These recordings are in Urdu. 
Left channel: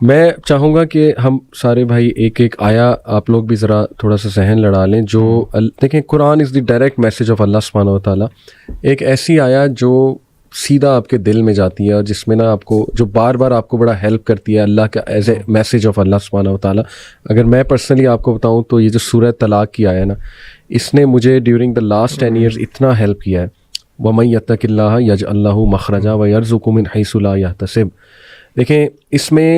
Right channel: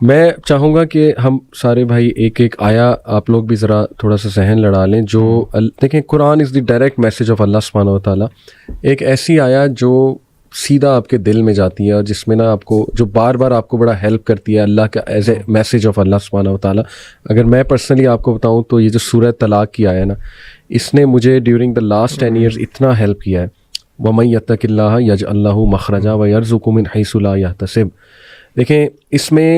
میں چاہوں گا کہ ہم سارے بھائی ایک ایک آیا آپ لوگ بھی ذرا تھوڑا سا ذہن لڑا لیں. جو دیکھیں قرآن از دی ڈائریکٹ میسج آف اللہ سبحانہ و تعالیٰ. ایک ایسی آیا جو سیدھا آپ کے دل میں جاتی ہے اور جس میں نا آپ کو جو بار بار آپ کو بڑا ہیلپ کرتی ہے اللہ کا ایز اے میسج آف اللہ سبحانہ و تعالیٰ. اگر میں پرسنلی آپ کو بتاؤں تو یہ جو سورہ طلاق کی آیا نا, اس نے مجھے ڈیورنگ دا لاسٹ 10 years اتنا ہیلپ کیا ہے. وَمَن يَتَّقِ اللَّهَ يَجْعَل لَّهُ مَخْرَجًا وَيَرْزُقْهُ مِنْ حَيْثُ لَا يَحْتَسِبُ. دیکھیں اس میں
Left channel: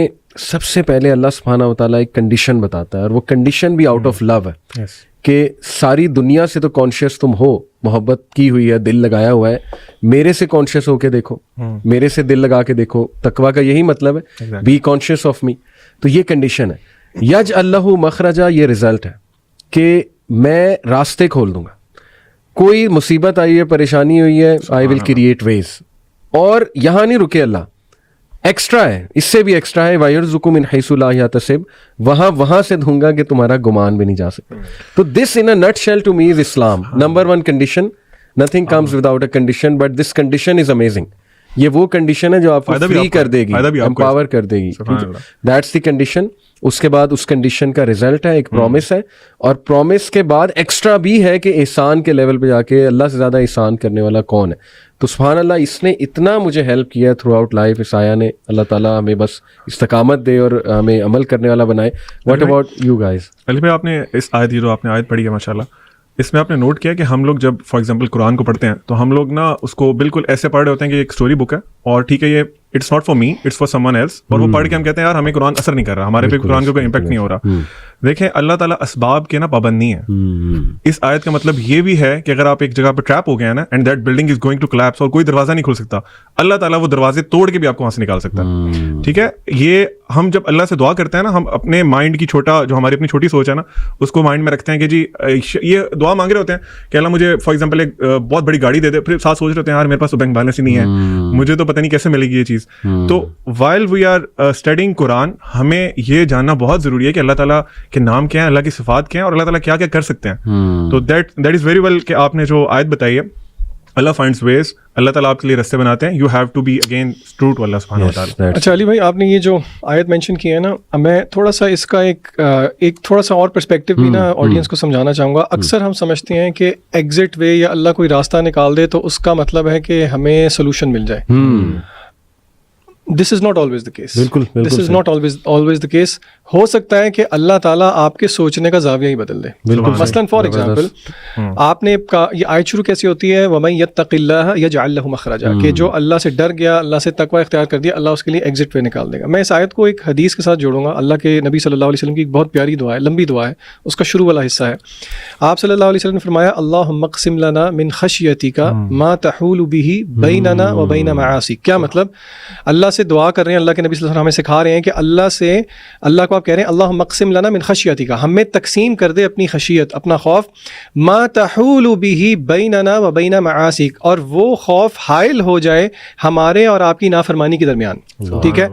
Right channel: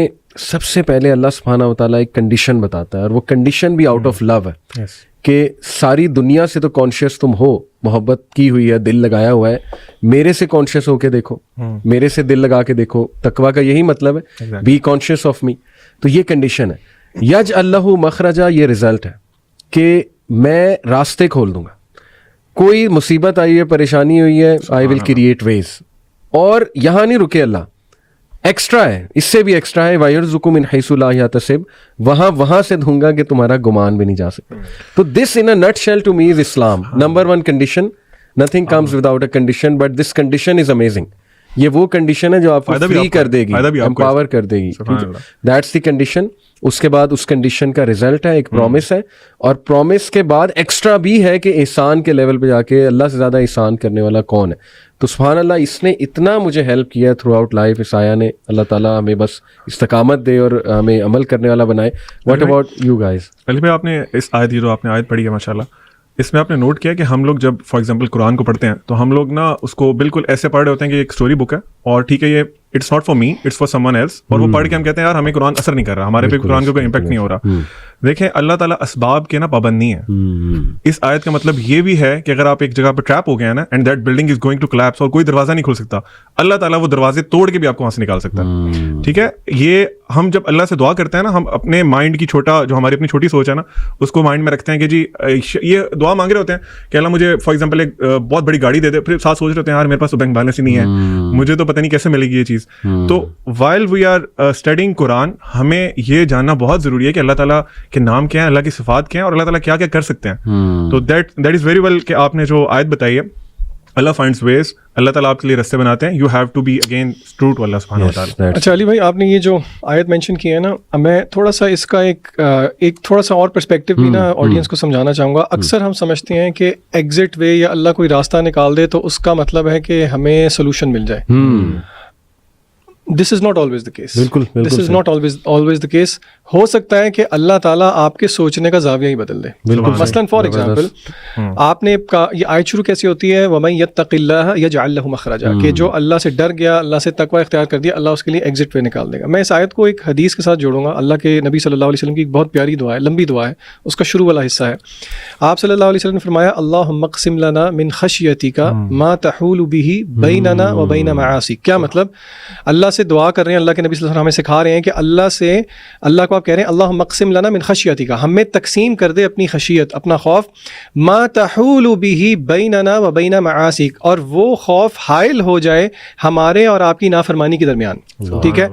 سب سے پہلے اللہ سبحانہ و تعالیٰ ایک کنڈیشن بتاتا ہے, اور وہ کنڈیشن بھی آؤٹ آف لو ہے کہ ساری دنیا سے تو کانشیس تم ہو, محبت کی ہوئی ہے, دل لگایا ہوا ہے, میرے سے کانشیس ہو کے دیکھو, میرے سے دل لگا کے دیکھو. تقویٰ کا یہی مطلب ہے, بی کانشیس آف می. تو یہ کنڈیشن ہے. یجعل لہ مخرجا, یہ رزلٹ ہے کہ میں راستے کھول دوں گا. کوئی مصیبت آئی ہے, پریشانی ہوئی ہے, آئی ول کریٹ ویز. اور یہاں نہیں رکے اللہ, ایکسٹرا ہے, اس سے بھی ایکسٹرا ہے. وَيَرْزُقُ مِنْ حَيْثُ لَا يَحْتَسِبُ, وہاں سے دوں گا کہ تمہارا گمان بھی نہیں جا سکتا. تو this in a nutshell to me is Islam. Number 1 condition, nothing comes without a condition, but this condition is amazing. یہ وہ کنڈیشن ہے جو آپ کو فری کر دے گی, امپاور کر دے گی. That's the condition. اس کے بعد اس کنڈیشن کا رزلٹ ہے, ایک پرومس ہے, اور پرومس کے بعد ایکسٹرا بھی ہے کہ احسان کے لیول پہ جا کے اللہ سے زیادہ احسان کرنے والا کون ہے. تو سبحان اللہ, اس نے اتنا مجھے ہیلپ کیا ہے تھرو آؤٹ لائف. اس آیا نے, اللہ تعالیٰ ہمیں بس استقامت دے اور ہمیں عمل کرنے والا بنائے. What about you guys? Ali بھائی, آپ نے اس آیت, یہ جو آپ نے آیت پڑھی ہے ماشاء اللہ, اس میں آپ نے نوٹ کیا کہ ہم لوگ جب فار ایگزامپل قرآن کو پڑھتے ہیں تو ہم لوگ نا اس کو بالکل ایسے پڑھ رہے ہوتے ہیں کہ ایک اسٹوری بک ہے اور ٹھیک ہے یہ it's not for me, it's for someone else, اور وہ پڑھ کے ہم کہتے ہیں یار ہمیں قرآن اثر نہیں کر رہا, ہمارے پہ قرآن کا کوئی امپیکٹ نہیں ہو رہا. دیکھیں اللہ تعالیٰ اسباب کے نا پابند نہیں ہے. اس آیت کا مطلب یہ بھی ہے کہ اگر آپ ایک جگہ پہ ٹریپ ہو گئے ہیں نا, and that building is going to collapse, اور کوئی دروازہ نہیں کھول سکتا, اللہ تعالیٰ وہ دروازے توڑ کے بھی آپ کو وہاں سے نکال سکتا ہے. ٹھیک ہے, یہ ہم جب اللہ سے دعا کرتے ہیں نا, ہم اپنے مائنڈ کی چھوٹا, جو ہماری اپنی چھوٹی سوچ ہے نا, اس کو مائنڈ میں رکھتے ہیں کہ جی یہ دعا مانگ رہے ہوتے ہیں کہ اللہ مجھے فار ایگزامپل ایک بہت بڑی گاڑی دے دے, پھر ساتھ سوچ رہے ہیں یار میرے پاس تو بینک بیلنس ہی نہیں ہے, مجھے تو پتہ نہیں کیسے ملے گی یہ چیز. تو while we are studying قرآن, ہمیں یہ جاننا بہت ضروری ہے کہ اللہ تعالیٰ کے نام کیا ہیں, اللہ کی صفات کیا ہیں, اور اللہ تعالیٰ کیا کیا کر سکتے ہیں. تو that is very well کہ آپ نے جو آیت بتائی ہے, اللہ finds ways, اللہ تعالیٰ آپ کے لیے راستے بناتے ہیں. You have to be again true to اللہ سبحانہ وتعالیٰ. اچھا علی بھائی, آپ نے یہ جو آیت مینشن کی ہے نا, میں تھوڑا سا اس کا ایک تھوڑا سا اور پرسپیکٹو بھی نا آڈینس کو سمجھانا چاہوں گا. اکثر ہم سمجھتے ہیں کہ ایگزٹ وے یا اللہ کوئی راستہ نکال دے تو اس کا مطلب ہے کہ ہمیں سولوشن مل جائے. This is not always the case. بالکل, this is not always the case. ہو سکتا ہے کہ اللہ تعالیٰ آپ کے سوچنے کا زاویہ ہی بدل دے. مثلاً فار ایگزامپل, آپ نے یہ آیت شروع کیسی ہوتی ہے, وَمَن يَتَّقِ اللَّهَ يَجْعَل لَّهُ مَخْرَجًا, کہ جو اللہ سے ڈر گیا, اللہ سے تقوی اختیار کر دیا, اللہ اس کے لیے ایگزٹ وے نکال دے گا. میں اس آیت کو ایک حدیث کے ساتھ جوڑوں گا. اللہ کے نبی صلی اللہ علیہ وسلم کی ایک بہت پیاری دعا ہے, لمبی دعا ہے, اس کا شروع والا حصہ ہے. آپ صلی اللہ علیہ وسلم نے فرمایا, اللہم اقسم لنا من خشیتک ما تحول به بیننا و بین معاصیک. کیا مطلب؟ اللہ سے دعا کر رہے ہیں, اللہ کے نبی صلی اللہ علیہ وسلم ہمیں سکھا رہے ہیں کہ اللہ کو آپ کہہ رہے ہیں, اللہم اقسم لنا من خشیتک, ہمیں تقسیم کر دے اپنی خشیت, اپنا خوف, ما تحول به بیننا و بین معاصیک, اور وہ خوف حائل ہو جائے ہمارے اور آپ کی نافرمانی کے درمیان. ٹھیک ہے,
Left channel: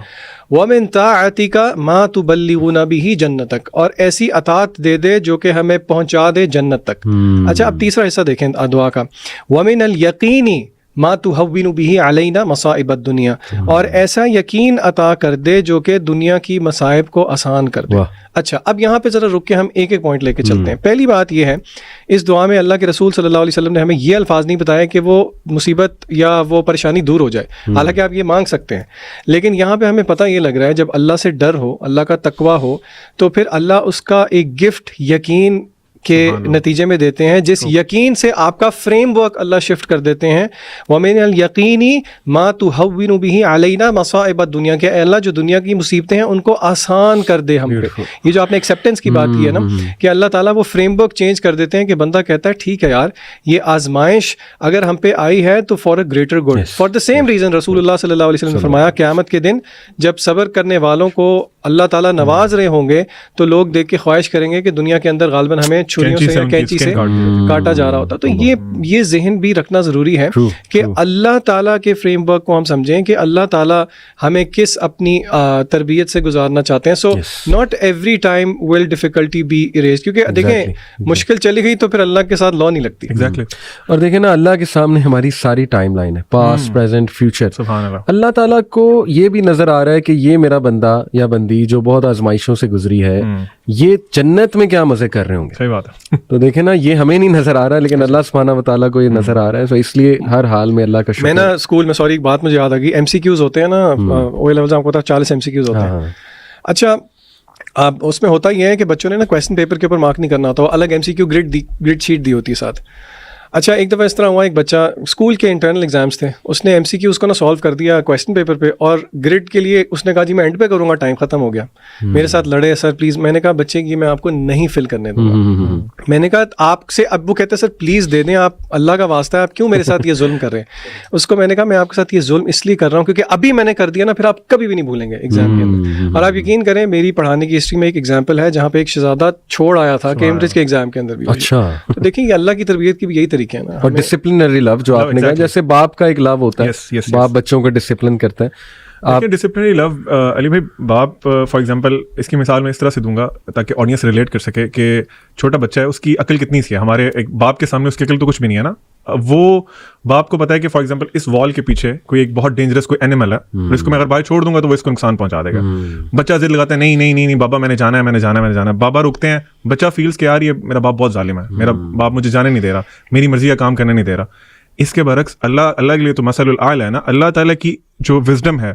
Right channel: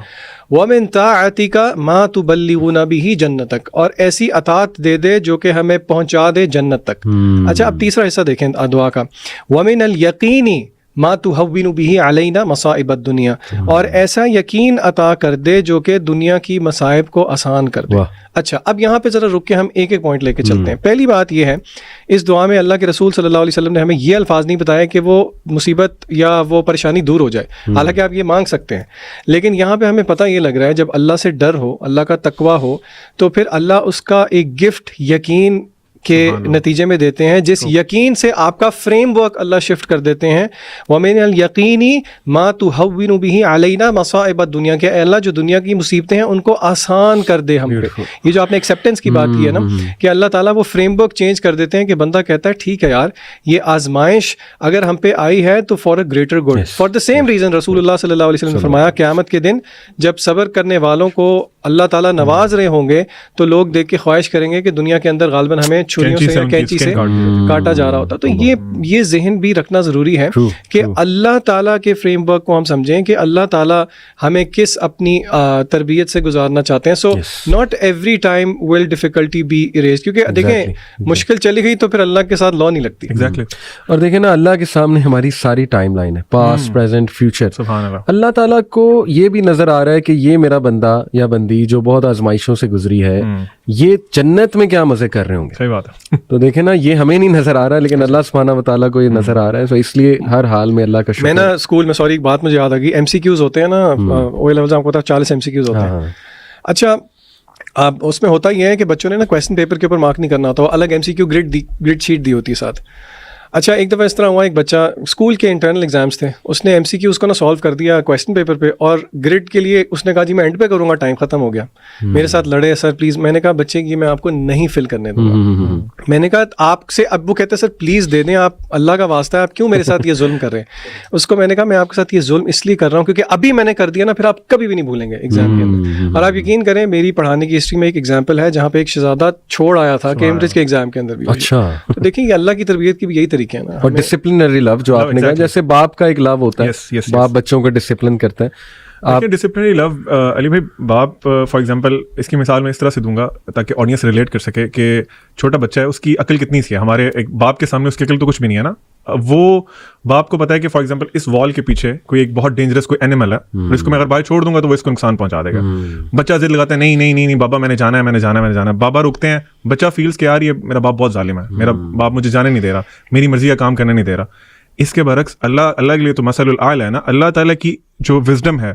وَمِن طَاعَتِكَ مَا تُبَلِّغُنَا بِهِ جَنَّتَكَ, اور ایسی اطاعت دے دے جو کہ ہمیں پہنچا دے جنت تک. اچھا, اب تیسرا حصہ دیکھیں دعا کا, وَمِنَ الْيَقِينِ ما تُهَوِّنُ بِهِ عَلَيْنَا مَصَائِبَ الدُّنْيَا, اور ایسا یقین عطا کر دے جو کہ دنیا کی مصائب کو آسان کر دے. اچھا, اب یہاں پہ ذرا رک کے ہم ایک ایک پوائنٹ لے کے چلتے ہیں. پہلی بات یہ ہے, اس دعا میں اللہ کے رسول صلی اللہ علیہ وسلم نے ہمیں یہ الفاظ نہیں بتایا کہ وہ مصیبت یا وہ پریشانی دور ہو جائے, حالانکہ آپ یہ مانگ سکتے ہیں, لیکن یہاں پہ ہمیں پتہ یہ لگ رہا ہے جب اللہ سے ڈر ہو, اللہ کا تقویٰ ہو, تو پھر اللہ اس کا ایک گفٹ یقین کے نتیجے میں دیتے ہیں, جس یقین سے آپ کا فریم ورک اللہ شفٹ کر دیتے ہیں. وَمِنَ الْيَقِينِ مَا تُهَوِّنُ بِهِ عَلَيْنَا مَصَائِبَ الدُّنْيَا, کہ اے اللہ جو دنیا کی مصیبتیں ہیں ان کو آسان کر دے ہم پہ. یہ جو آپ نے ایکسیپٹنس کی بات کی ہے نا, کہ اللہ تعالیٰ وہ فریم ورک چینج کر دیتے ہیں کہ بندہ کہتا ہے ٹھیک ہے یار, یہ آزمائش اگر ہم پہ آئی ہے تو for a greater good. For the same reason رسول اللہ صلی اللہ علیہ وسلم نے فرمایا, قیامت کے دن جب صبر کرنے والوں کو اللہ تعالیٰ نواز رہے ہوں گے تو لوگ دیکھ کے خواہش کریں گے کہ دنیا کے اندر غالباً ہمیں چھریوں سے یا کینچی سے کاٹا جا رہا ہوتا. تو یہ ذہن بھی رکھنا ضروری ہے کہ اللہ تعالیٰ کے فریم ورک کو ہم سمجھیں کہ اللہ تعالیٰ ہمیں کس اپنی تربیت سے گزارنا چاہتے ہیں. So not every time will difficulty be arise, کیونکہ دیکھیں مشکل چلی گئی تو پھر اللہ کے ساتھ لا نہیں لگتی. اور دیکھیں نا, اللہ کے سامنے ہماری ساری ٹائم لائن ہے, پاسٹ, پریزنٹ, فیوچر. اللہ تعالیٰ کو یہ بھی نظر آ رہا ہے کہ یہ میرا بندہ یا بندی زندگی جو بہت آزمائشوں سے گزری ہے, یہ جنت میں کیا مزے کر رہے ہوں گے. صحیح بات ہے. تو دیکھیں نا, یہ ہمیں نہیں نظر آ رہا لیکن اللہ سبحانہ و تعالیٰ کو یہ نظر آ رہا ہے. تو اس لیے ہر حال میں اللہ کا شکر. میں نا اسکول میں, سوری ایک بات مجھے یاد آ گئی, MCQs ہوتے ہیں نا او لیولز, آپ کو پتا 40 MCQs ہوتے ہیں. اچھا اب اس میں ہوتا یہ ہے کہ بچوں نے نا کویسچن پیپر کے اوپر مارک نہیں کرنا ہوتا, الگ MCQ گریڈ شیٹ دی ہوتی ہے ساتھ. اچھا ایک دفعہ اس طرح ہوا, ایک بچہ اسکول کے انٹرنل ایگزامس تھے, اس نے MCQ اس کو نا سالو کر دیا کویسچن پیپر پہ, اور گریڈ کے لیے اس نے کہا جی میں اینڈ پہ کروں گا, ٹائم ختم ہو گیا. میرے ساتھ لڑے, سر پلیز. میں نے کہا بچے کی میں آپ کو نہیں فل کرنے دوں گا. میں نے کہا آپ سے, اب وہ کہتے ہیں سر پلیز دے دیں, آپ اللہ کا واسطہ ہے, آپ کیوں میرے ساتھ یہ ظلم کر رہے ہیں. اس کو میں نے کہا میں آپ کے ساتھ یہ ظلم اس لیے کر رہا ہوں کیونکہ ابھی میں نے کر دیا نا, پھر آپ کبھی بھی نہیں بھولیں گے ایگزام کے اندر. اور آپ یقین کریں میری پڑھانے کی ہسٹری میں ایک ایگزامپل ہے جہاں پہ ایک شہزادہ چھوڑ آیا تھا کیمبرج کے ایگزام کے اندر بھی. اچھا, تو دیکھیں یہ اللہ کی تربیت کی بھی یہی طریقے ہیں نا. اور ڈسپلنری لو جو آپ نے کہا, جیسے باپ کا ایک لو ہوتا ہے, باپ بچوں کو ڈسپلن کرتا ہے. آپ ڈسپلنری لو, علی بھائی باپ فار ایگزامپل اس کی مثال میں اس طرح سے دوں گا تاکہ آڈینس ریلیٹ کر سکے کہ چھوٹا بچہ ہے, اس کی عقل کتنی سی ہے. ہمارے ایک باپ کے سامنے اس کی عقل تو کچھ بھی نہیں ہے نا. وہ باپ کو پتا ہے کہ فار ایگزامپل اس وال کے پیچھے کوئی ایک بہت ڈینجرس کوئی اینیمل ہے, اس کو میں اگر باہر چھوڑ دوں گا تو وہ اس کو نقصان پہنچا دے گا. بچہ ضد لگاتا ہے, نہیں نہیں نہیں بابا میں نے جانا ہے, میں نے جانا ہے, میں نے جانا ہے. بابا رکتے ہیں, بچہ فیلز کہ یار یہ میرا باپ بہت ظالم ہے, میرا باپ مجھے جانے نہیں دے رہا, میری مرضی کا کام کرنے نہیں دے رہا. اس کے برعکس اللہ کے لیے تو مثل الاعلی ہے نا. اللہ تعالیٰ کی جو وزڈم ہے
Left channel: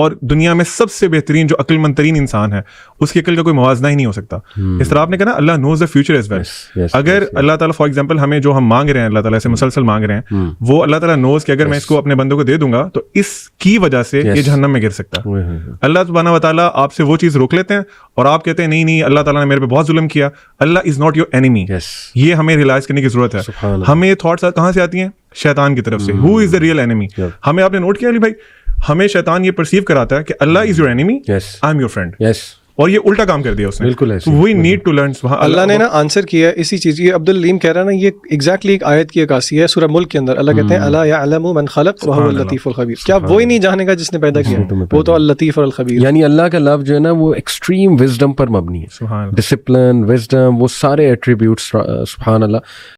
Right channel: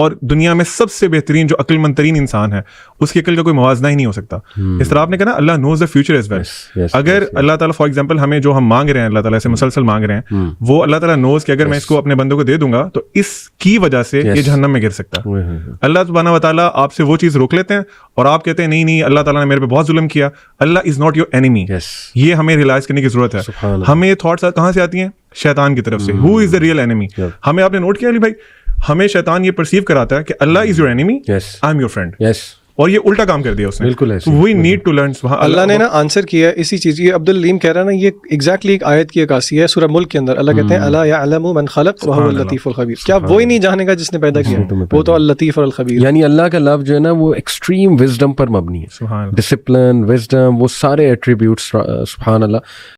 اور دنیا میں سب سے بہترین جو عقل مند ترین انسان ہے, اس کی عقل کا کوئی موازنہ ہی نہیں ہو سکتا. اس طرح آپ نے کہا نا اللہ نوز دا فیوچر ایز ویل. اگر اللہ تعالیٰ فار ایگزامپل ہمیں جو ہم مانگ رہے ہیں, اللہ تعالیٰ سے مسلسل مانگ رہے ہیں, وہ اللہ تعالیٰ نوز کہ اگر میں اس کو اپنے بندوں کو دے دوں گا تو اس کی وجہ سے یہ جہنم میں گر سکتا ہے. اللہ سبحانہ و تعالیٰ آپ سے وہ چیز روک لیتے ہیں اور آپ کہتے ہیں نہیں نہیں اللہ تعالیٰ نے میرے پہ بہت ظلم کیا. اللہ از ناٹ یور اینیمی. یہ ہمیں ریلائز کرنے کی ضرورت ہے. ہمیں یہ تھاٹس کہاں سے آتی ہیں؟ شیطان کی طرف سے. ہو از دا ریئل اینیمی. ہمیں آپ نے نوٹ کیا بھائی, ہمیں شیطان یہ پرسیو کراتا ہے کہ Allah is your enemy, I am your friend, اور یہ الٹا کام کر دیا اس نے. بالکل we need to learn. Allah نے نا آنسر کیا اسی چیز کی. عبد العلیم کہہ رہا نا, یہ ایگزیکٹلی ایک آیت کی عکاسی ہے سورہ ملک کے اندر. اللہ کہتے ہیں الا یعلم من خلق وهو اللطیف الخبیر. کیا وہی نہیں جانے گا جس نے پیدا کیا, وہ تو اللطیف الخبیر. یعنی اللہ کا لفظ جو ہے نا وہ ایکسٹریم وزڈم پر مبنی ہے. ڈسپلن, وزڈم, وہ سارے ایٹریبیوٹس سبحان اللہ.